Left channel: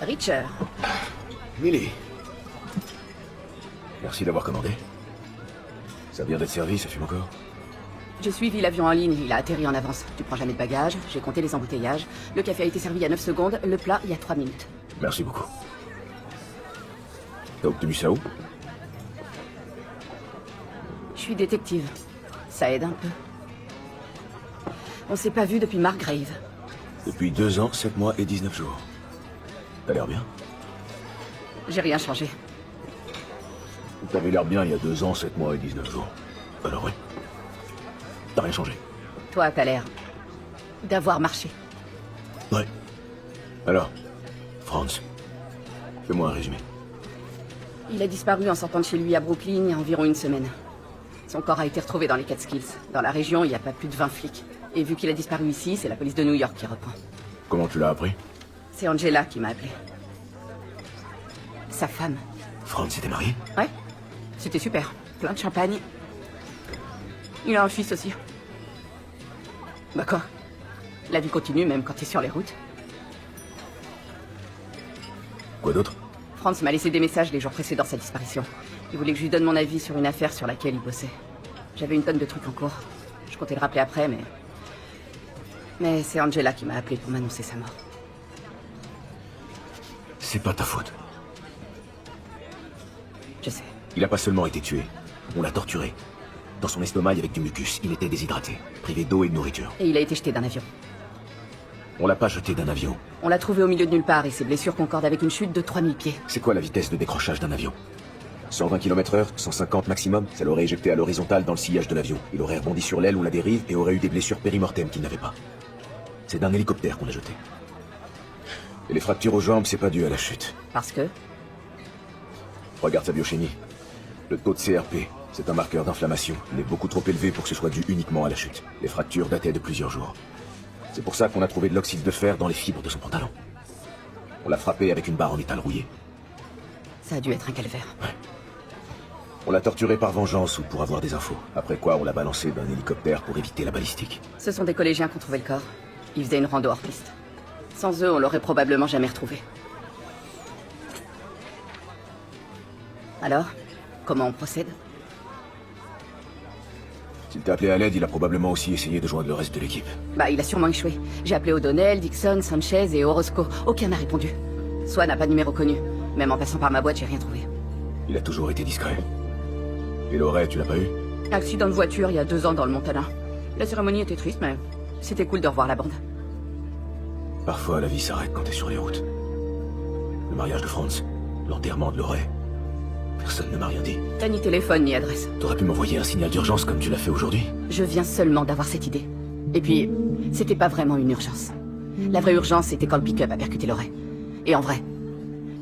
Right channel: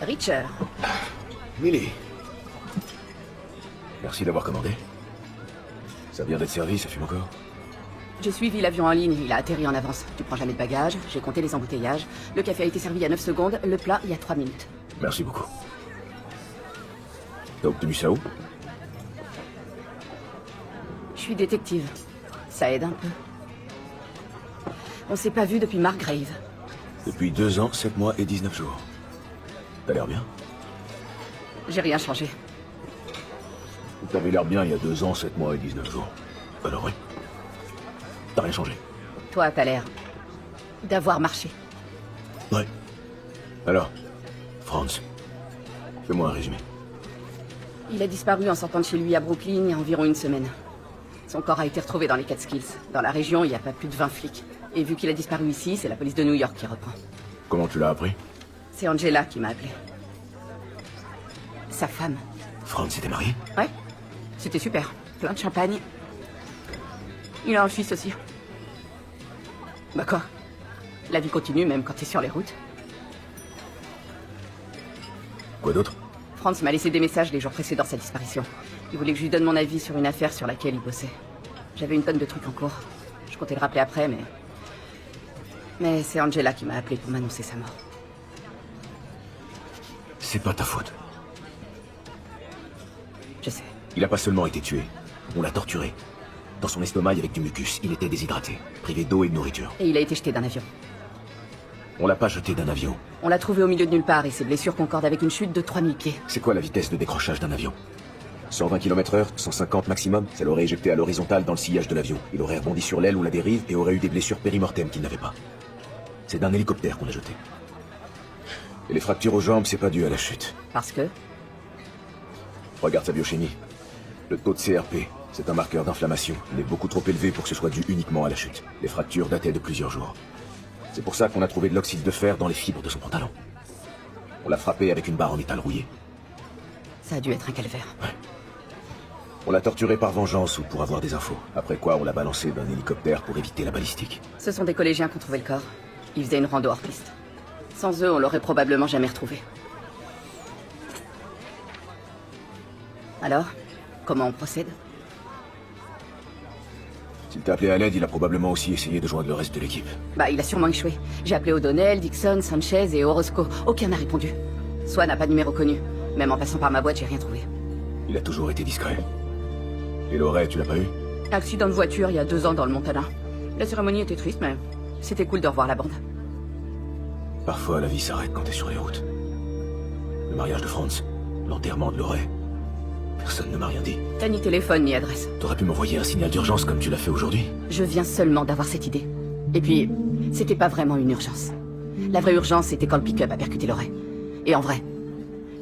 Richard. Millie. Merci d'avoir commandé. Ça vient d'être servi, ça fume encore. J'ai suivi l'avion en ligne, il a atterri en avance. Tu prends jamais de bagages, j'ai compté les embouteillages. Le café a été servi à 9 secondes, le plat il y a 3 minutes. Merci beaucoup. T'as obtenu ça où? Je suis détective. Ça aide un peu. On s'est pas vu depuis Margrave. Depuis 2 ans, 7 mois et 19 jours. T'as l'air bien. J'ai rien changé. T'avais l'air bien il y a 2 ans, 7 mois et 19 jours. Alors oui. T'as rien changé. Toi, t'as l'air d'avoir marché. Oui. Alors, Franz, fais-moi un résumé. Il a disparu en sortant de chez lui à Brooklyn il y a environ une semaine. Son corps a été retrouvé dans les Catskills. Dans la région, il y a pas plus de 20 flics. Et vu qu'il a disparu ici, c'est la police de New York qui reprend. Comment tu l'as appris? C'est Angela qui m'a appelé. Sa femme. Franz était marié? Ouais. C'était super. Plein de champagne. Il a un fils aussi. D'accord. La vie continue même quand t'es sur les routes. Quoi d'autre? Franz m'a laissé des messages les jours précédant sa disparition. Il voulait que je lui donne mon avis sur une affaire sur laquelle il bossait. J'avais une tonne de trucs en cours. Je comptais le rappeler après, mais... Mais c'est Angela qui m'a appelé pour m'annoncer sa mort. C'est pas ta faute. Je sais. Il n'a pas seulement été tué, on l'a torturé. Dans son estomac, avec du mucus, il était déshydraté. Privé d'eau et de nourriture. Et il a été jeté d'un avion. On l'a pas jeté d'un avion. On l'a trouvé au milieu de nulle part et ses blessures concordent avec une chute de 3000 pieds. C'est quoi la vitesse de décrochage d'un avion? 120 km/h, 150 maximum. Ça l'aurait éjecté à l'horizontale dans le sillage de l'avion. Il aurait rebondi sur l'aile ou la dérive et aurait eu des blessures périmortelles qu'il n'avait pas. C'est d'un hélicoptère qu'on l'a jeté. Et les fractures aux jambes, c'est pas dû à la chute. Parce que... Regarde sa biochimie. Le taux de CRP, c'est un marqueur d'inflammation. Il est beaucoup trop élevé pour que ce soit dû uniquement à la chute. Les fractures dataient de plusieurs jours. C'est pour ça qu'on a trouvé de l'oxyde de fer dans les fibres de son pantalon. On l'a frappé avec une barre en métal rouillé. Ça a dû être un calvaire. Ouais. On l'a torturé par vengeance ou pour avoir des infos. Après quoi, on l'a balancé d'un hélicoptère pour éviter la balistique. Ce sont des collégiens qui ont trouvé le corps. Ils faisaient une rando hors piste. Sans eux, on l'aurait probablement jamais retrouvé. Alors, comment on procède? S'il t'a appelé à l'aide, il a probablement aussi essayé de joindre le reste de l'équipe. Bah, il a sûrement échoué. J'ai appelé O'Donnell, Dixon, Sanchez et Orozco. Aucun n'a répondu. Soit n'a pas de numéro connu. Même en passant par ma boîte, j'ai rien trouvé. Il a toujours été discret. Et Lorraine, tu l'as pas eu? Accident de voiture il y a 2 ans dans le Montana. La cérémonie était triste, mais c'était cool de revoir la bande. Parfois, la vie s'arrête quand t'es sur les routes. Le mariage de Franz, l'enterrement de Lorraine. Personne ne m'a rien dit. T'as ni téléphone ni adresse. T'aurais pu m'envoyer un signal d'urgence comme tu l'as fait aujourd'hui. Je viens seulement d'avoir cette idée. Et puis, c'était pas vraiment une urgence. La vraie urgence, c'était quand le pick-up a percuté Lorraine. Et en vrai,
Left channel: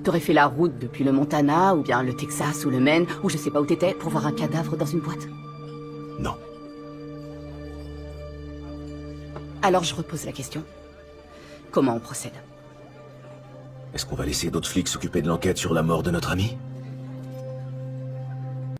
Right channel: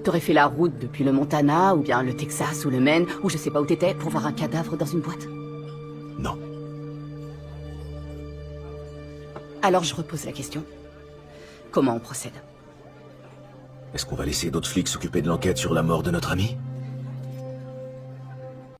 t'aurais fait la route depuis le Montana, ou bien le Texas, ou le Maine, ou je sais pas où t'étais, pour voir un cadavre dans une boîte. Non. Alors je repose la question. Comment on procède? Est-ce qu'on va laisser d'autres flics s'occuper de l'enquête sur la mort de notre ami?